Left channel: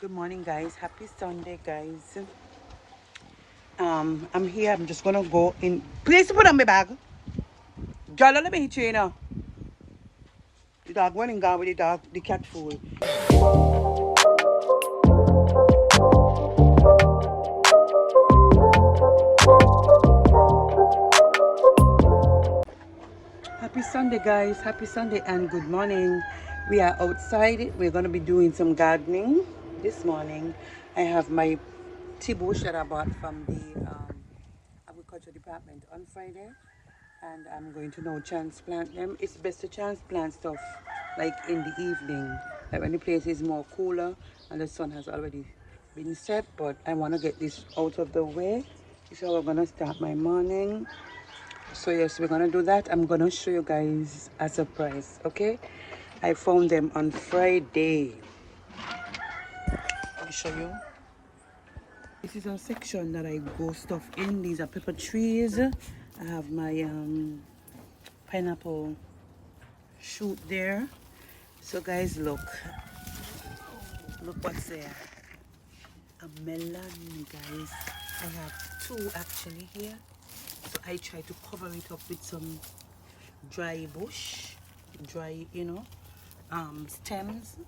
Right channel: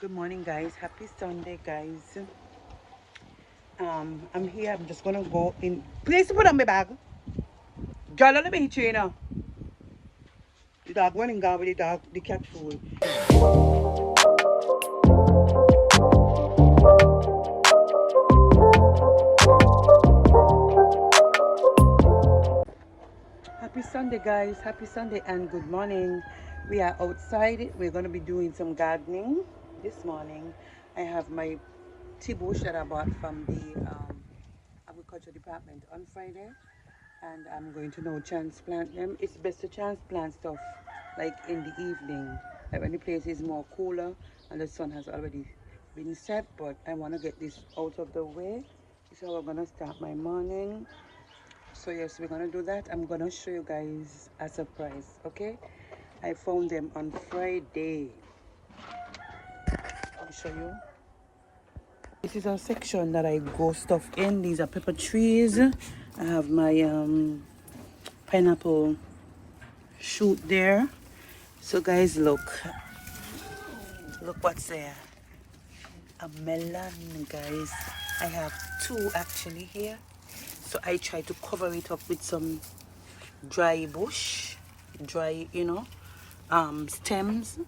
Good morning, guys. Happy Sunday, guys. I'm here. I'm just gonna go in. Please put on my bag. Girl, let me hit you, you know. The dog went and gone with the cat food. Happy Sunday, guys. Happy Sunday and good morning. We are outside. We're gonna be doing some gardening this morning. I have my tea bush that I bought from the agriculture department on Friday, and I'm going to now transplant them. It's best to transplant stuff like in the evening, like when the place is more cooler and the sun has already been set. But I want to get this out of the way. This is how we're gonna start my morning. So yes, we're gonna do that. I'm gonna show you guys a surprise. Okay, I found them on Friday. Let me show you. This is a section that I grow stuff in. These are pepper trees. I have my pineapple shoot there. So guys, look what's there. A melon, guys. I have two actually here. So I try to cover it up with some dry bush, stems.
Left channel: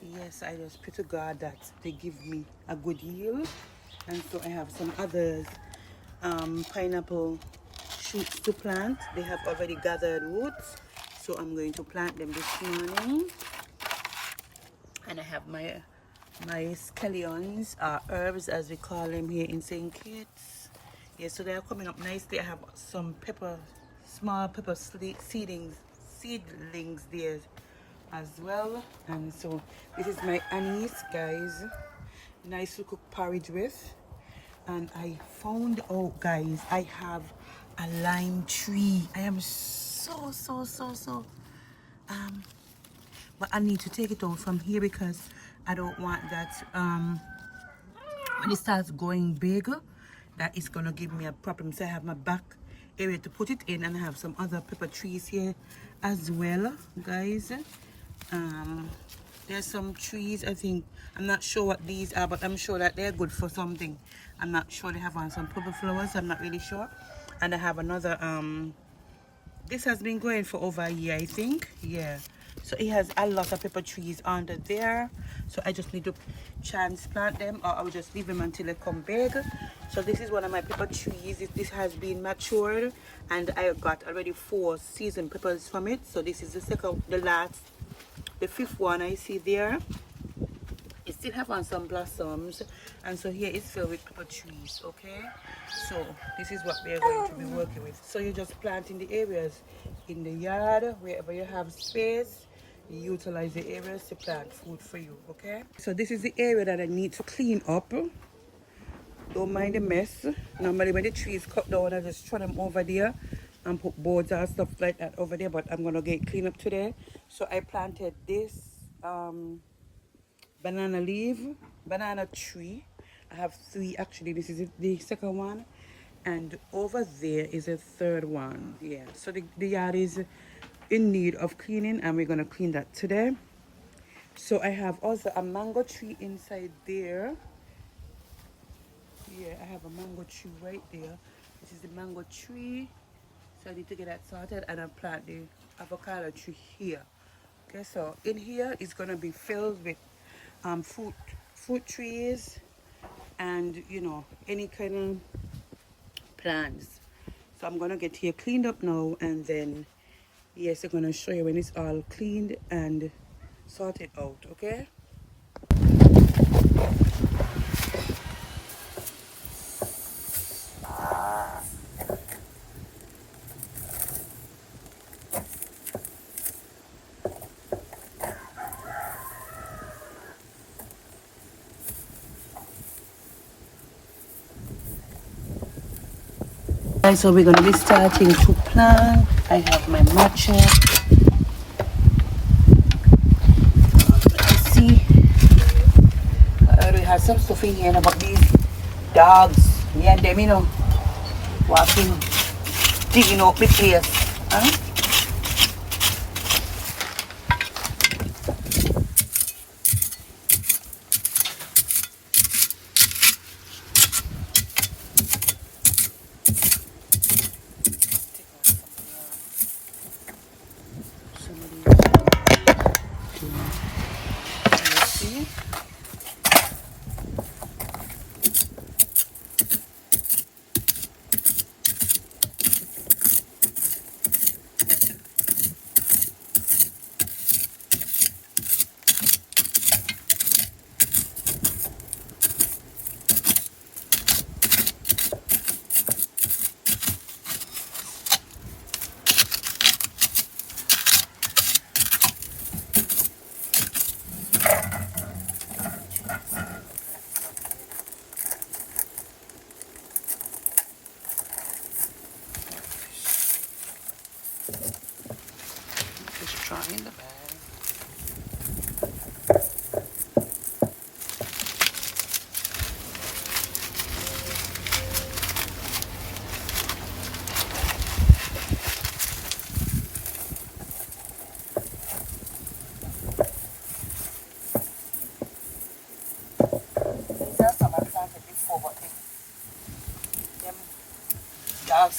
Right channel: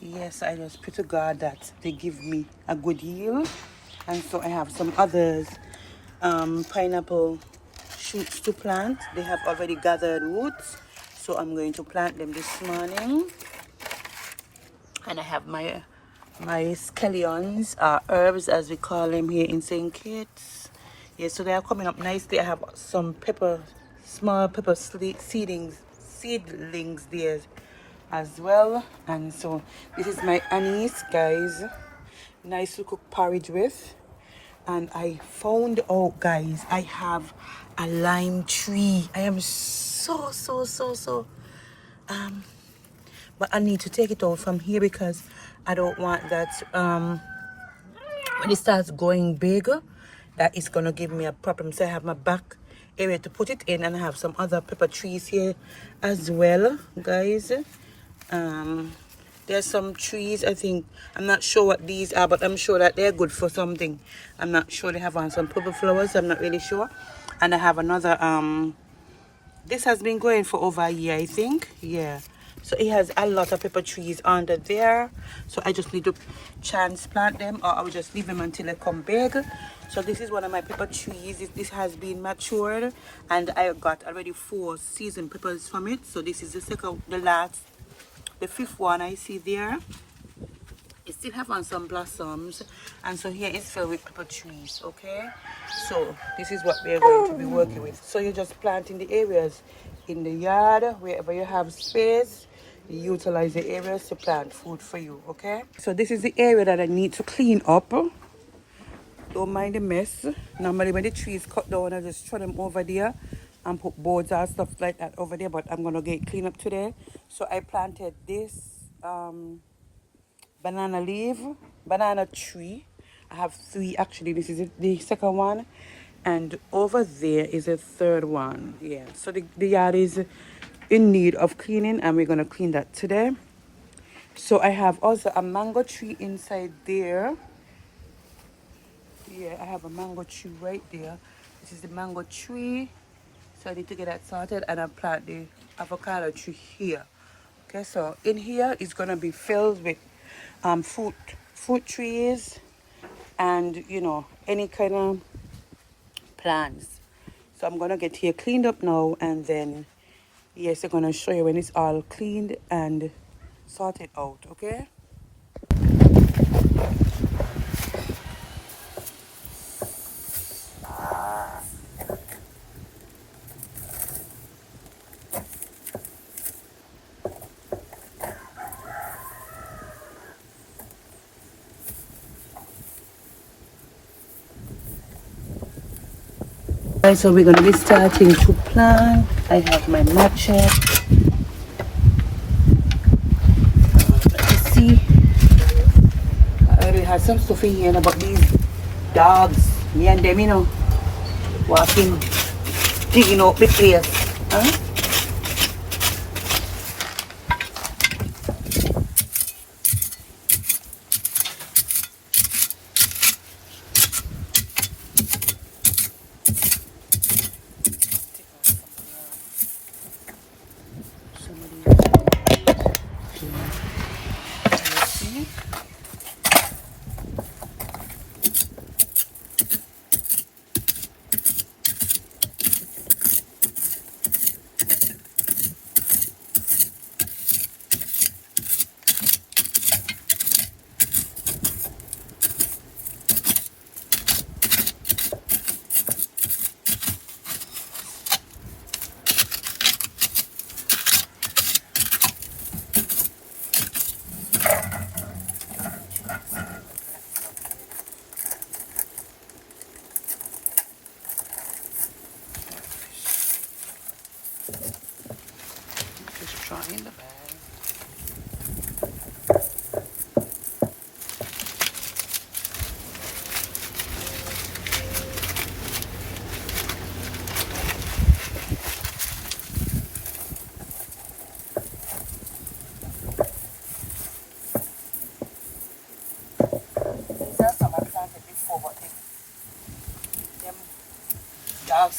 Yes, I just pray to God that they give me a good yield. And so I have some others, pineapple shoots to plant. They have already gathered roots, so I'm going to plant them this morning. And I have my scallions, herbs as we call them here in St. Kitts. Yeah, so they are coming up nicely. I have some small pepper seedlings there as well. And so this is my anise, guys. Nice to cook porridge with. And I found out, guys, I have a lime tree. I am so but I need to take it out from here because I don't want that when it starts going big, that is gonna give me a problem. So I have my back area to put it in, and I have some other pepper trees here as well, guys. There's some trees, I think, I'm not sure what these are, but I'm sure that they're good for something. I'm not sure. They have on some purple flowers, I'm not really sure. And I have another, this has been going for over a year, I think. Yeah, so it has a lot of pepper trees under there. So I just need to transplant them, or I will just leave them until they come big. So this is one of my pepper trees. This has been matured, and I got already 4 seasoned peppers from it. So this is the fifth one I see there. It still have on some blossoms, and so here it's filled with pepper trees. Okay, so this is what we're going to be working with. So you just plant in the areas in the yard, wherever you have space. You utilize the areas to plant food for you. Okay, so this is the area that I need to clean up. Don't mind the mess. Normally when the trees cut down, I just throw them over there and put boards and stuff like that over there, but I'm gonna get clean up today. So I planted this banana tree. I have 3 actually. This is the second one, and over there is a third one. Yeah, so the yard is in need of cleaning, and we're gonna clean that today. So I have also a mango tree inside there. Yeah, I have a mango tree right there. This is the mango tree. So I need to get that sorted, and I plant the avocado tree here. Okay, so in here is gonna be filled with fruit trees, and any kind of plants. So I'm gonna get here cleaned up now, and then yes, I'm gonna show you when it's all cleaned and sorted out. Okay. So we're gonna be starting to plant. I have my matcha. You see, I already have some stuff in here about these dogs. Me and them, walking, digging up the place. Huh?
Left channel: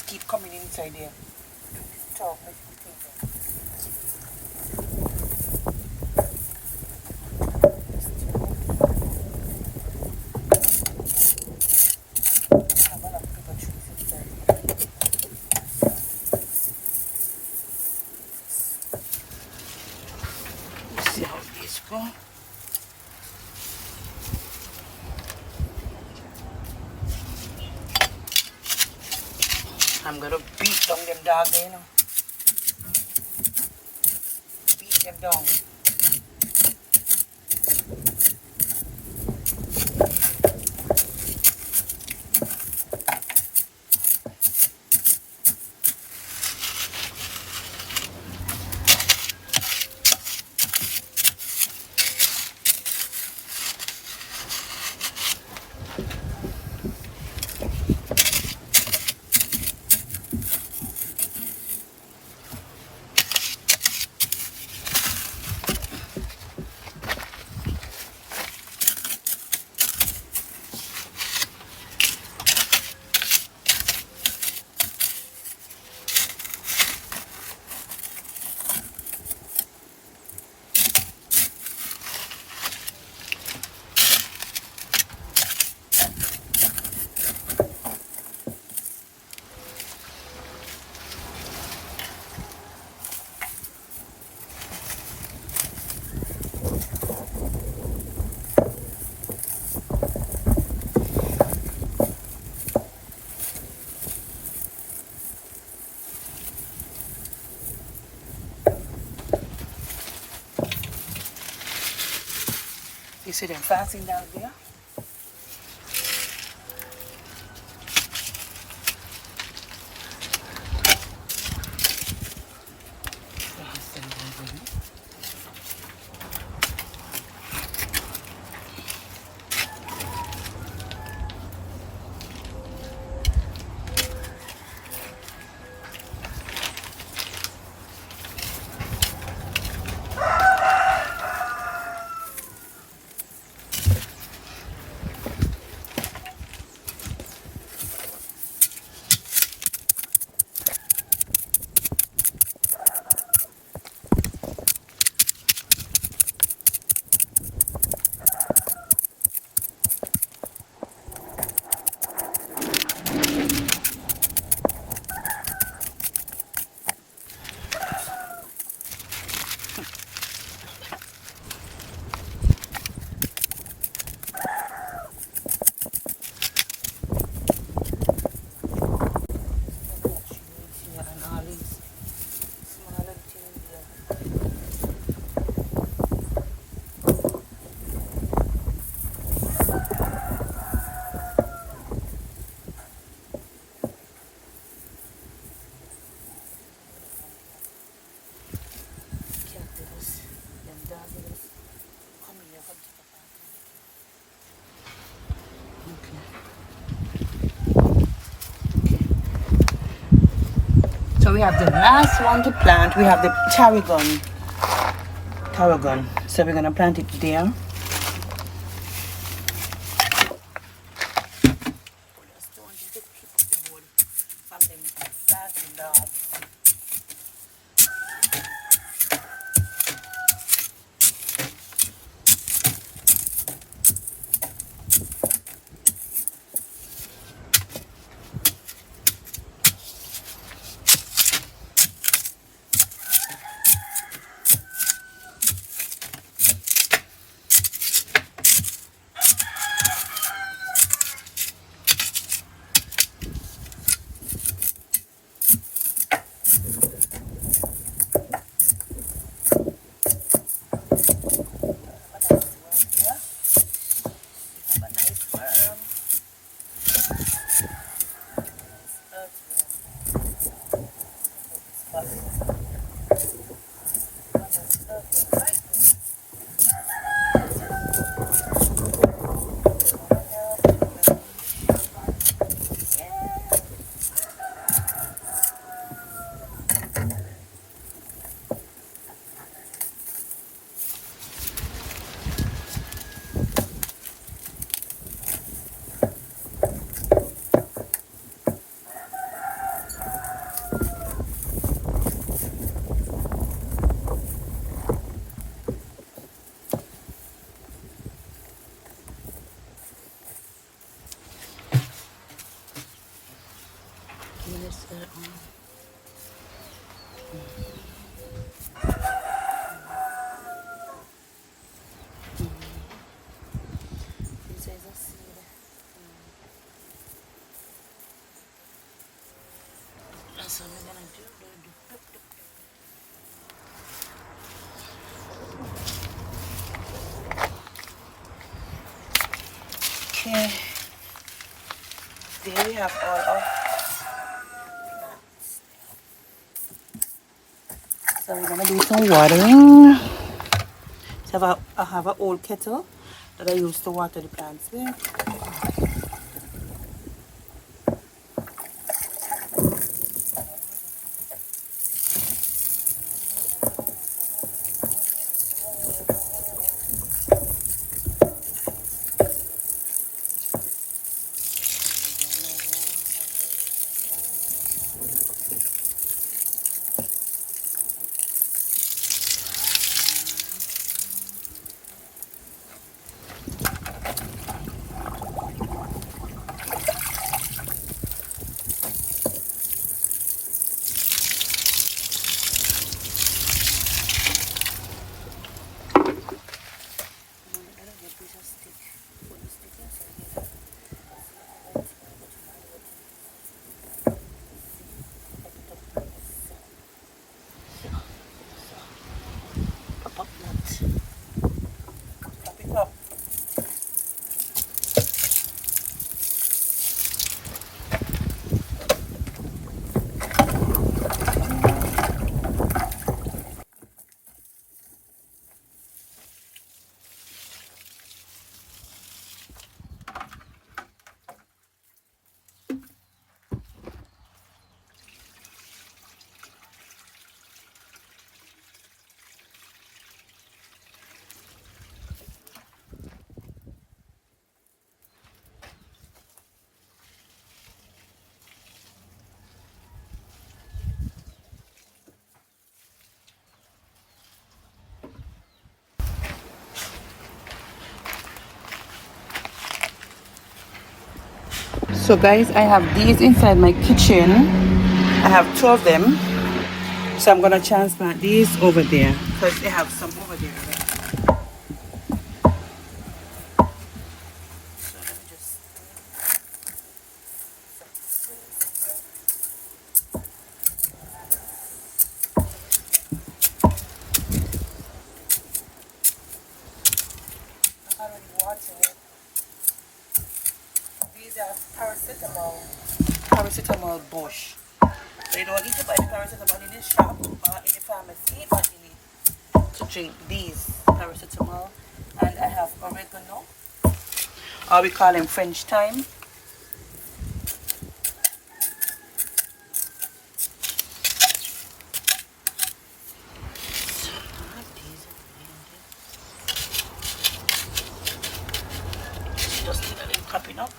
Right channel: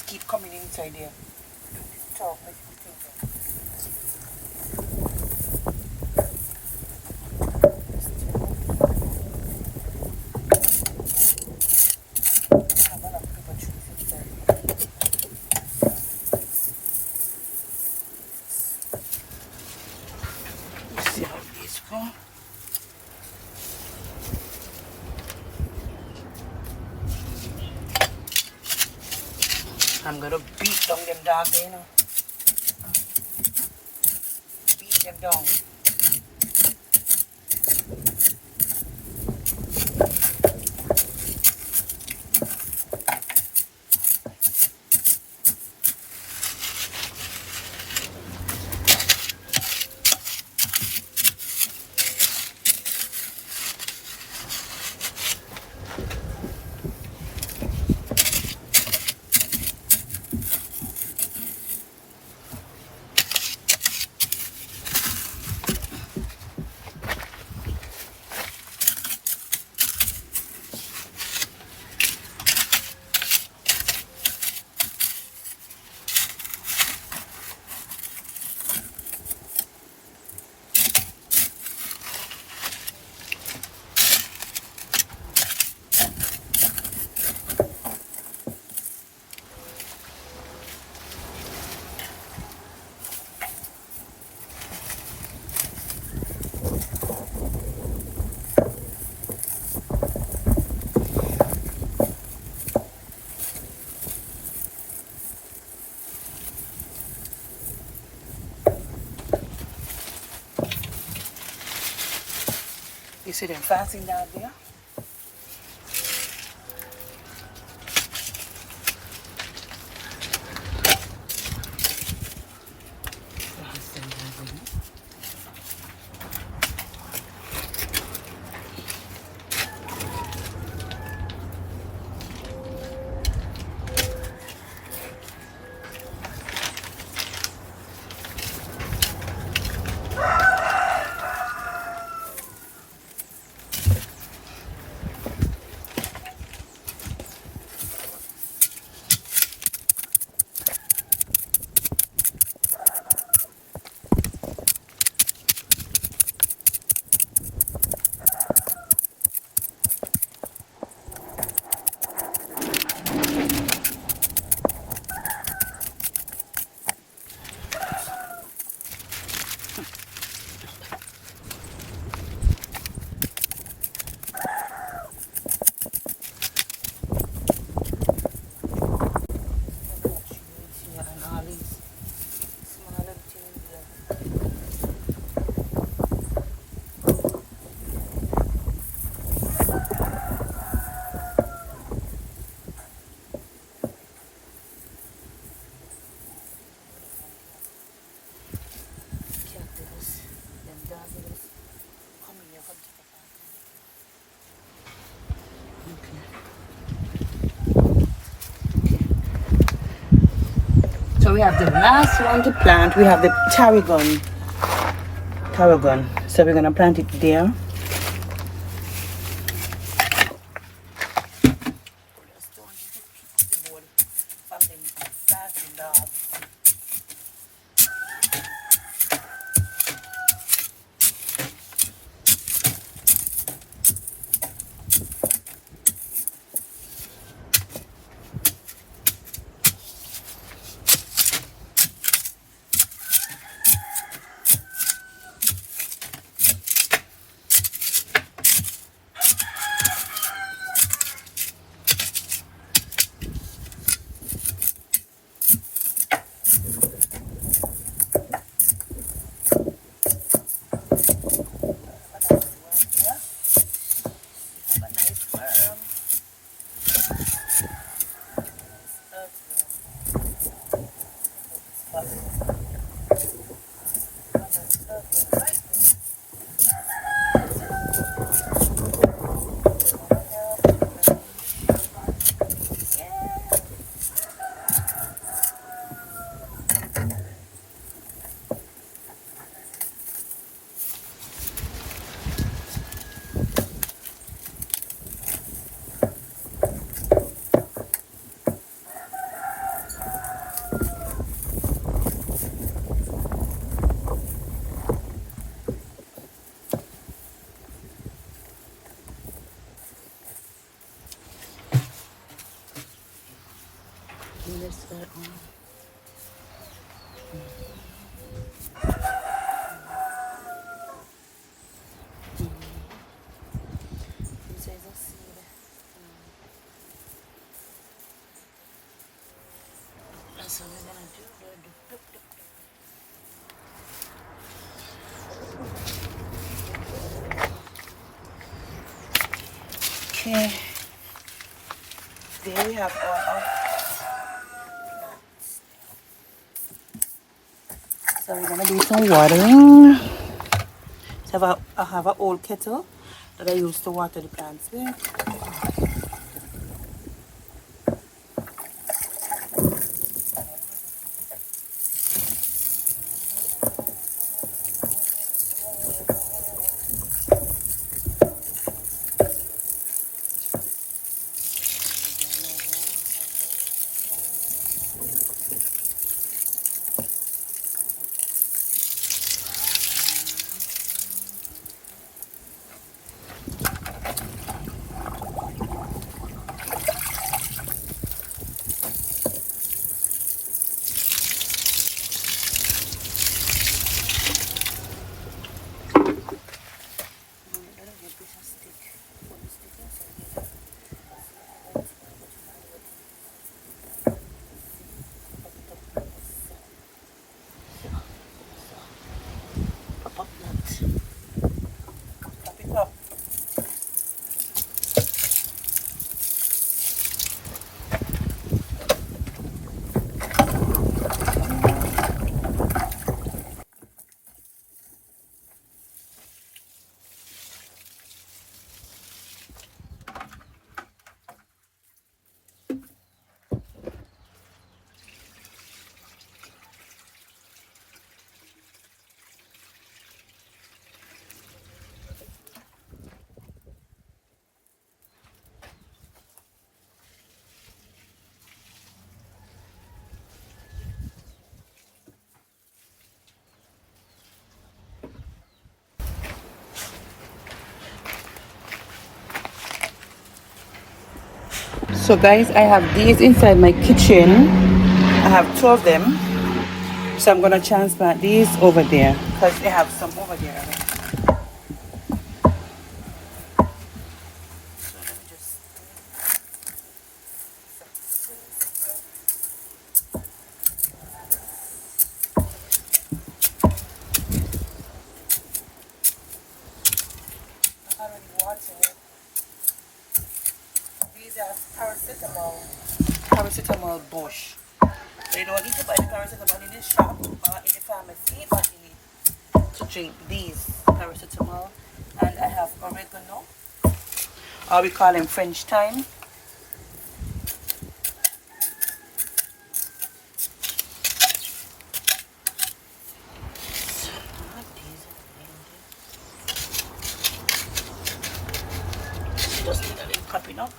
just keep coming inside there. Talk, make me think. See how this go. I'm gonna beat down them dogs, you know. Beat them down. You see them fasting down there? So we have the last one to plant. We have the tarragon. So we're gonna plant it there. this that one. This is a seed. That's what we're gonna do. Okay. There we have all of. So we're gonna do some watering. So I have an old kettle that I used to water the plants with. So guys, I have these inside my kitchen. I have 2 of them. So I'm gonna transplant these over there because they have some over there already. So let me just I already watered it. These are paracetamol bush. So you don't need to buy the paracetamol in the shop or in the pharmacy, but you need to drink these paracetamol. And I have oregano, or we call them French thyme. Just need a little cupping up.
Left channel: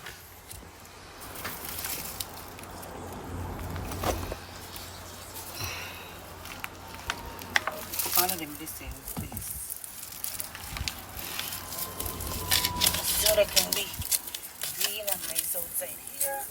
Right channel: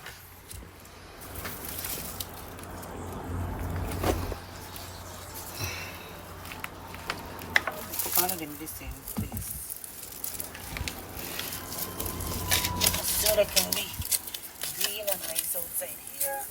Put all of them the same, please. So they can be green and nice outside here.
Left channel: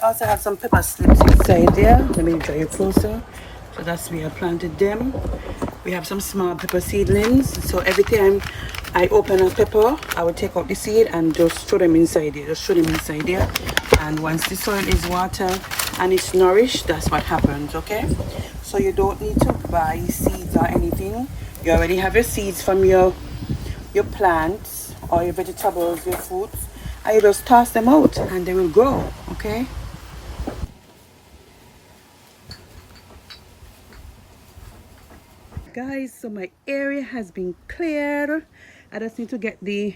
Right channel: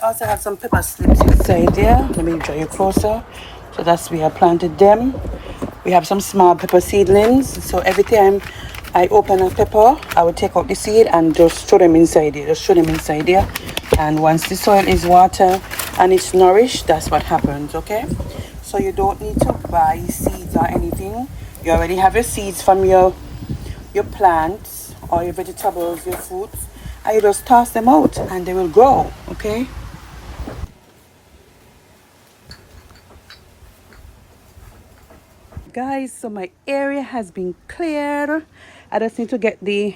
Also have some pepper slips inside there. Let me draw you closer. So that's where I planted them. We have some small pepper seedlings. So every time I open a pepper, I will take out the seed and just throw them inside there. Just throw them inside there. And once the soil is water and it's nourished, that's what happens, okay? So you don't need to buy seeds or anything. You already have your seeds from your plants or your vegetables, your fruits. And you just toss them out and they will grow, okay? Guys, so my area has been cleared. I just need to get the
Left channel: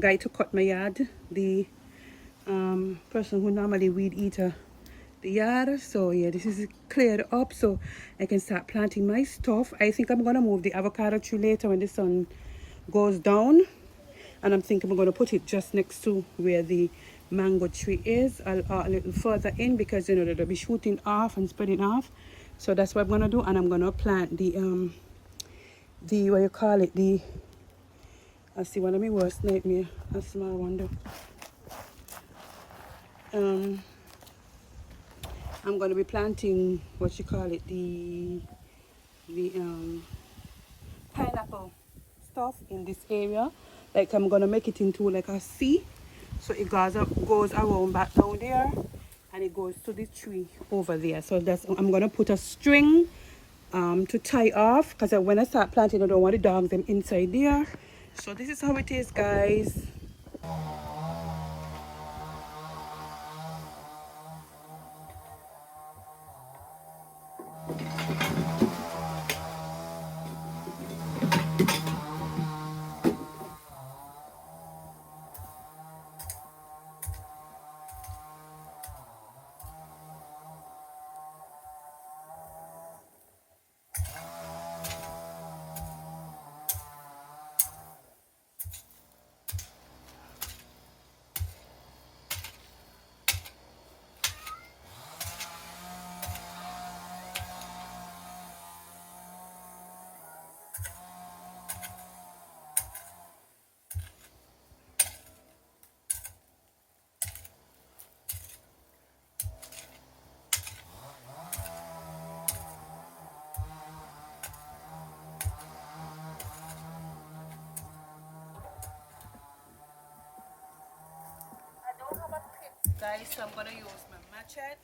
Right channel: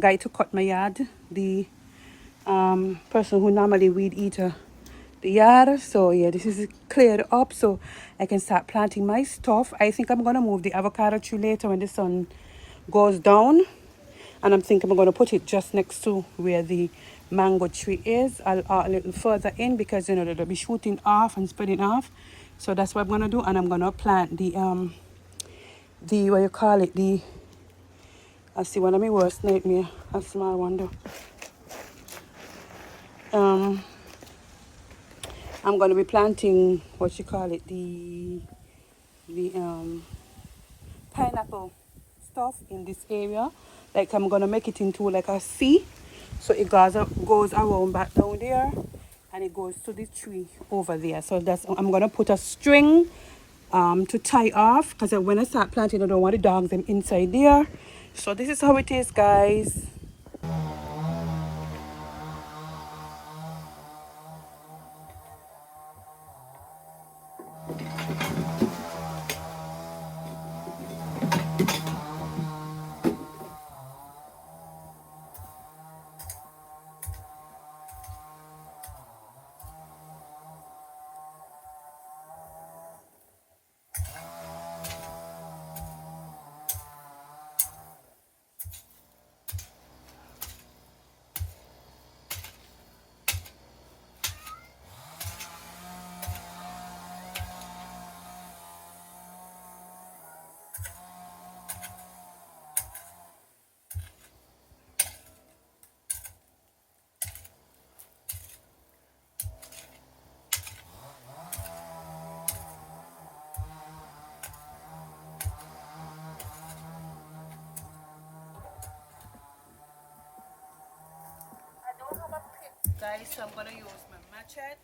guy to cut my yard, the person who normally weed eater the yard. So yeah, this is cleared up so I can start planting my stuff. I think I'm gonna move the avocado tree later when the sun goes down, and I'm thinking I'm going to put it just next to where the mango tree is, a little further in, because you know it'll be shooting off and spreading off. So that's what I'm going to do, and I'm going to plant the what you call it, the, I see one of my worst nightmare, a small one though. I'm going to be planting what you call it, the pineapple stuff in this area. Like I'm going to make it into like a C, so it goes around back down there, and it goes to the tree over there. So that's, I'm going to put a string to tie off, because when I start planting I don't want the dogs them inside there. So this is how it is, guys. Guys, so I'm gonna use my machete.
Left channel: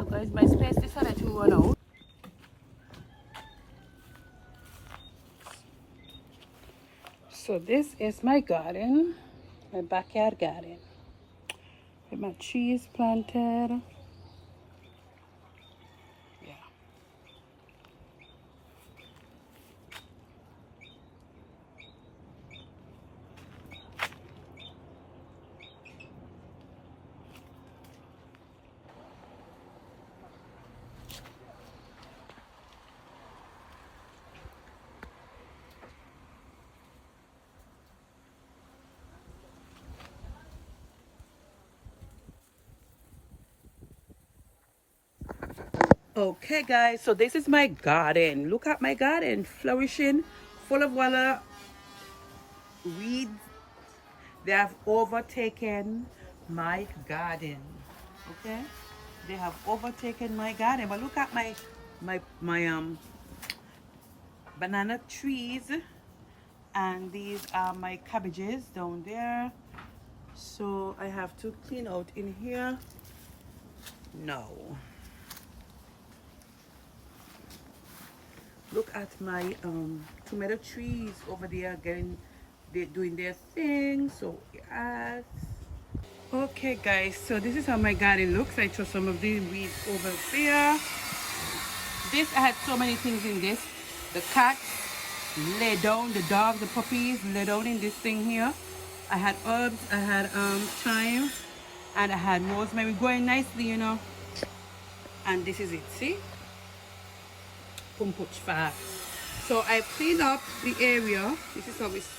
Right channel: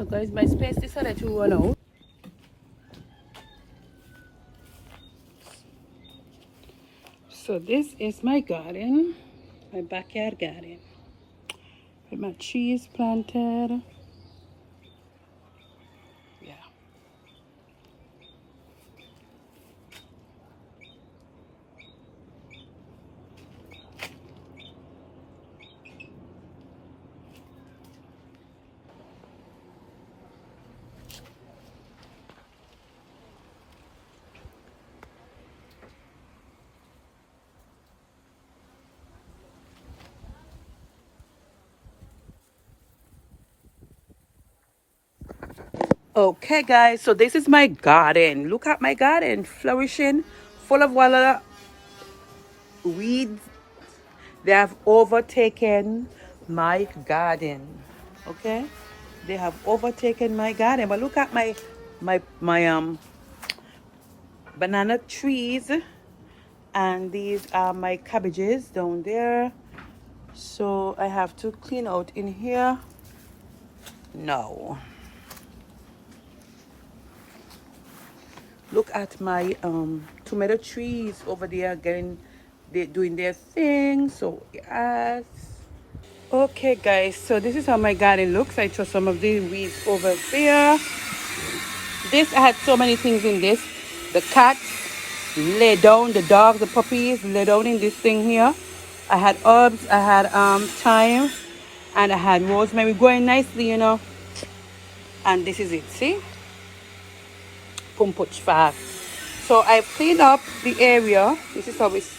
So guys, my space decided to run out. So this is my garden, my backyard garden, with my trees planted. Yeah. Okay guys, so this is my garden. Look at my garden, flourishing, full of water. Weeds, they have overtaken my garden. Okay, they have overtaken my garden. But look at my banana trees, and these are my cabbages down there. So I have to clean out in here now. Look at my tomato trees over there they doing their thing. So yes. Okay guys, so this is how my garden looks. I throw some of the weeds over there. This, I had so many things in this. The cats lay down, the dogs, the puppies lay down in this thing here. I had herbs, I had thyme, and I had rosemary growing nicely, you know. And this is it, see? Pumpuch fast. So I cleaned up the area. This is how it's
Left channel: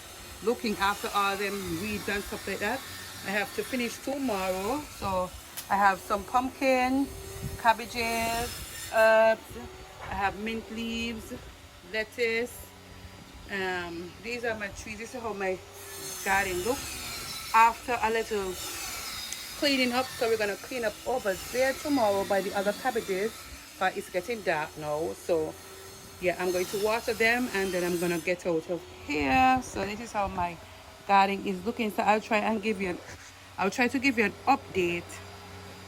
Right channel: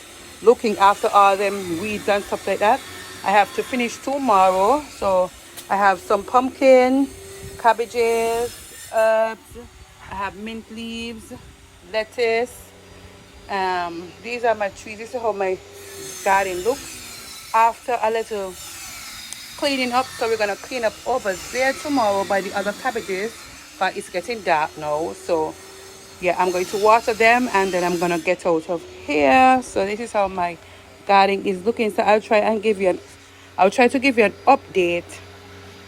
looking after all them weeds and stuff like that. I have to finish tomorrow. So I have some pumpkin, cabbages, herbs. I have mint leaves, lettuce. These are my trees. This is how my garden looks after a little cleaning up. So we're gonna clean up over there tomorrow by the other cabbages, but it's getting dark now. So yeah, I'm going to water them and then I'm gonna get out of here. So this is how my garden is looking. So I'll try to give you an update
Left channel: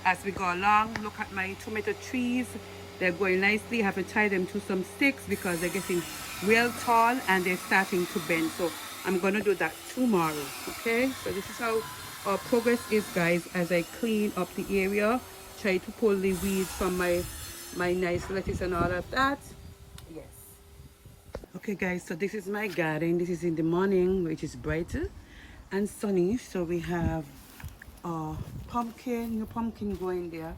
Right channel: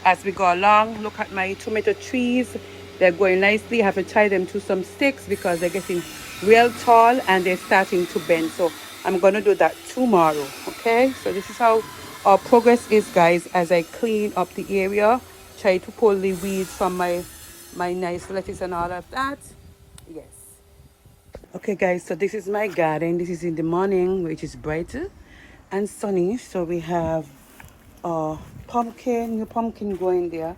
as we go along. Look at my tomato trees. They're going nicely. I have to tie them to some sticks because they're getting real tall and they're starting to bend. So I'm gonna do that tomorrow. Okay, so this is how our progress is, guys, as I clean up the area, try to pull the weeds from my nice lettuce and all of that. Yes. Okay guys, so this is my garden. This is in the morning, which is bright and sunny. So we have new pumpkin going there.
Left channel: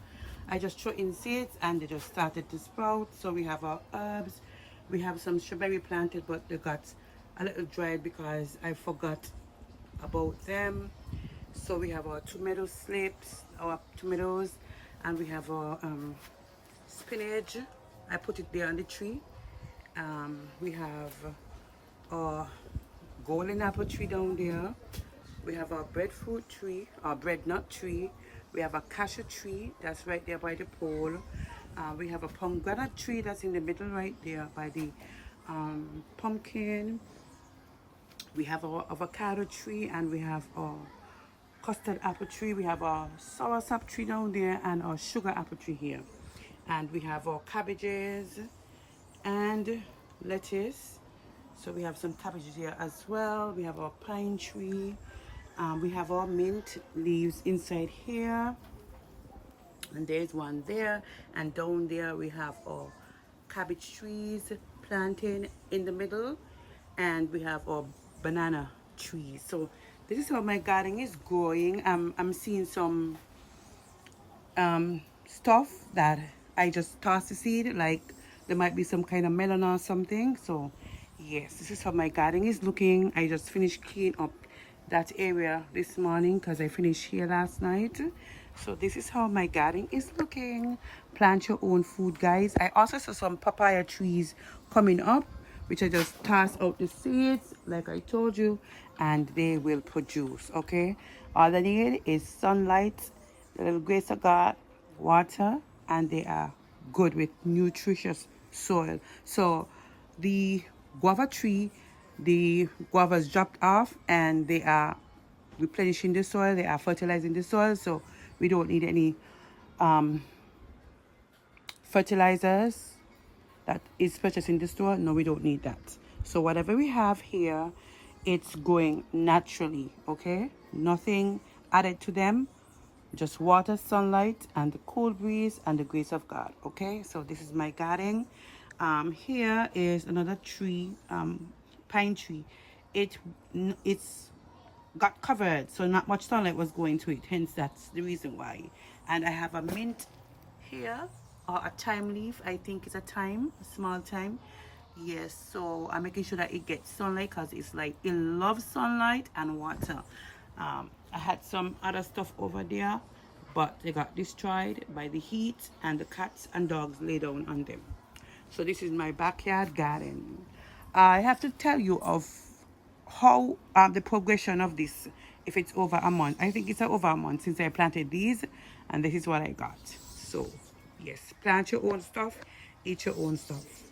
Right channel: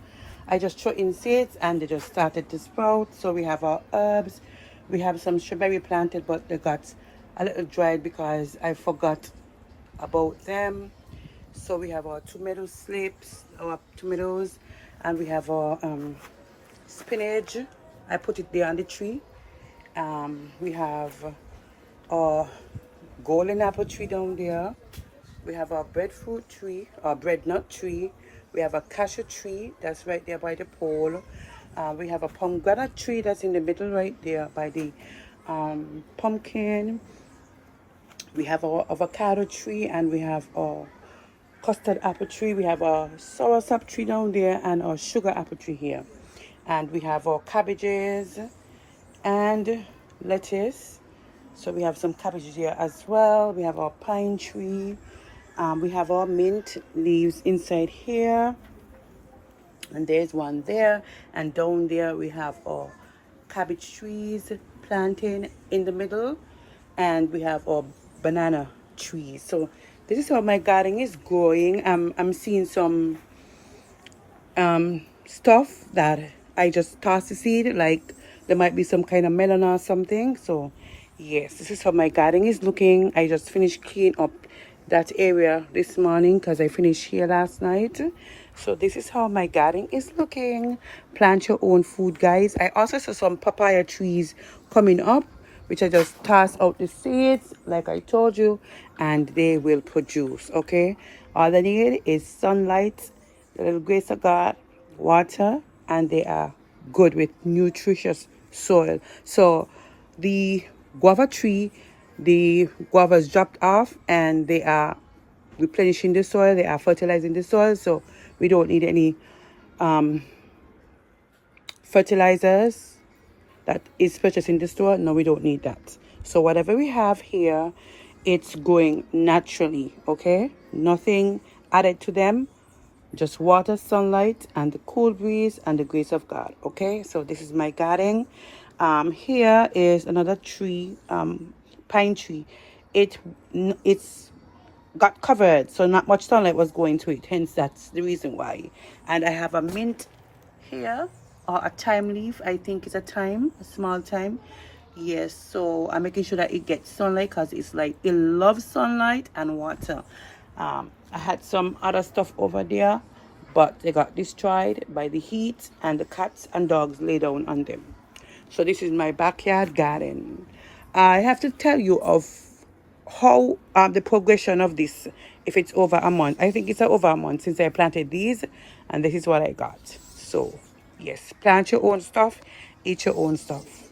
I just threw in seeds and they just started to sprout. So we have our herbs. We have some strawberry planted, but they got a little dried because I forgot about them. So we have our tomato slips, our tomatoes, and we have our spinach. I put it there on the tree. We have our golden apple tree down there. We have our breadfruit tree, our bread nut tree. We have a cashew tree that's right there by the pole. We have a pomegranate tree that's in the middle right there by the pumpkin. We have our avocado tree and we have our custard apple tree. We have our soursop tree down there and our sugar apple tree here. And we have our cabbages and lettuce. So we have some cabbages here as well. We have our pine tree. We have our mint leaves inside here. And there's one there. And down there we have our cabbage trees planting in the middle. And we have our banana trees. So this is how my garden is growing. I'm seeing some stuff that I just tossed the seed, like there might be some kind of melon or something. So yes, this is how my garden is looking. I just finished cleaning up that area this morning because I finished here last night. So this is how my garden is looking. Plant your own food, guys. I also saw some papaya trees coming up, which I just tossed out the seeds like I told you, and they will produce. Okay, all I need is sunlight, a little grace of God, water, and they are good with nutritious soil. So the guava tree, the guavas dropped off and they are replenishing the soil, they are fertilizing the soil, so we don't need any fertilizers that is purchased in the store. No, we don't need that. So whatever we have here, it's growing naturally, okay? Nothing added to them, just water, sunlight, and the cool breeze and the grace of God, okay? So this is my garden. Here is another tree, pine tree. It's got covered, so not much sunlight was going to it, hence that's the reason why. And I have a mint here, or a thyme leaf. I think it's a thyme, a small thyme. Yes, so I'm making sure that it gets sunlight because it's like it loves sunlight and water. I had some other stuff over there, but they got destroyed by the heat, and the cats and dogs lay down on them. So this is my backyard garden. I have to tell you of how the progression of this, if it's over a month. I think it's over a month since I planted these, and this is what I got. So yes, plant your own stuff, eat your own stuff.